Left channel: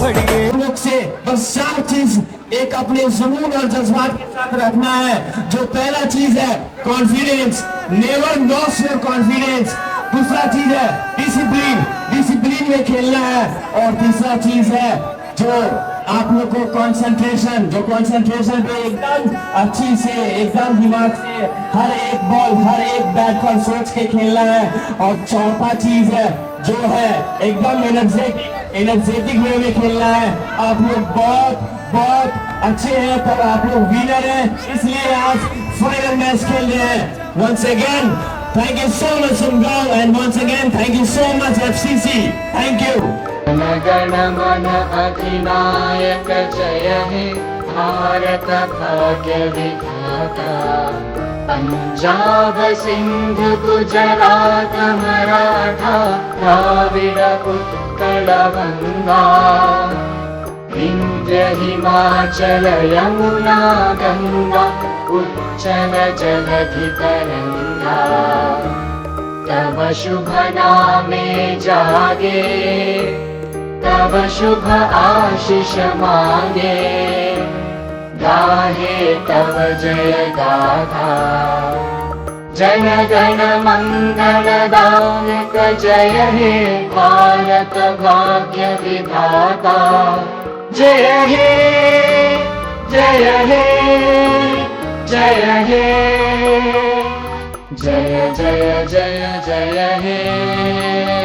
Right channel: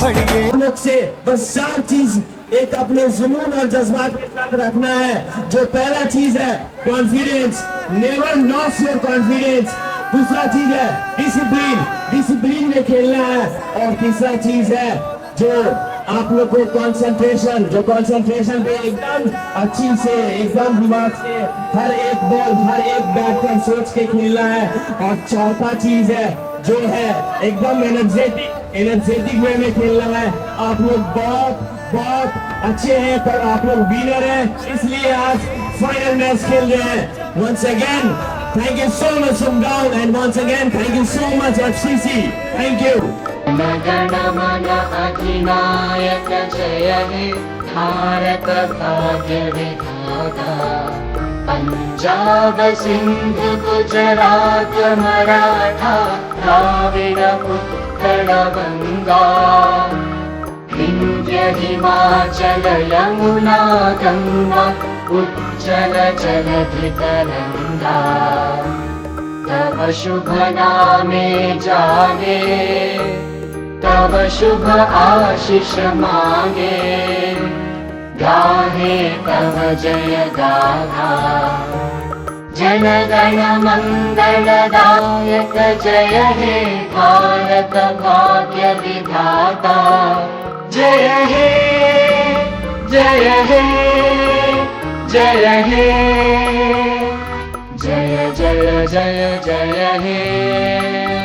पढ़िए। हम लोग से बस 4 चीज एक अपने जुनून और जज्बात के साथ रखना है। जो पहला चीज है confidence, never loss your confidence. दूसरा चीज है डिसिप्लिन, डिसिप्लिन में खेलना है। और तीसरा चीज है जो आप लोग को कंसंट्रेशन, जो कंसंट्रेशन पे एकदम अच्छी से, एकदम दिमाग से हर एक बॉल, हर एक बैट पर सोच के खेलना है। और चौथा चीज है जो है एकदम एनर्जेटिक वे में खेलना है। आप लोग बहुत बहुत अच्छे हैं, तब आप लोग विनर हैं, इसलिए आज फाइनल मैच खेल रहे हैं। Once again thank you so much Sumgaon, and once again thank you so much FCC. Thank you. गण मन अधिनायक जय हे भारत भाग्य विधाता। पंजाब सिंध गुजरात मराठा द्राविड़ उत्कल गंगा। विंध्य हिमाचल यमुना गंगा उच्चल जलधि तरंगा। तब शुभ नामे जागे, तब शुभ आशीष मांगे। गाहे तब जय गाथा, जन गण मंगल दायक जय हे भारत भाग्य विधाता। जय हे जय हे जय हे जय जय जय जय हे।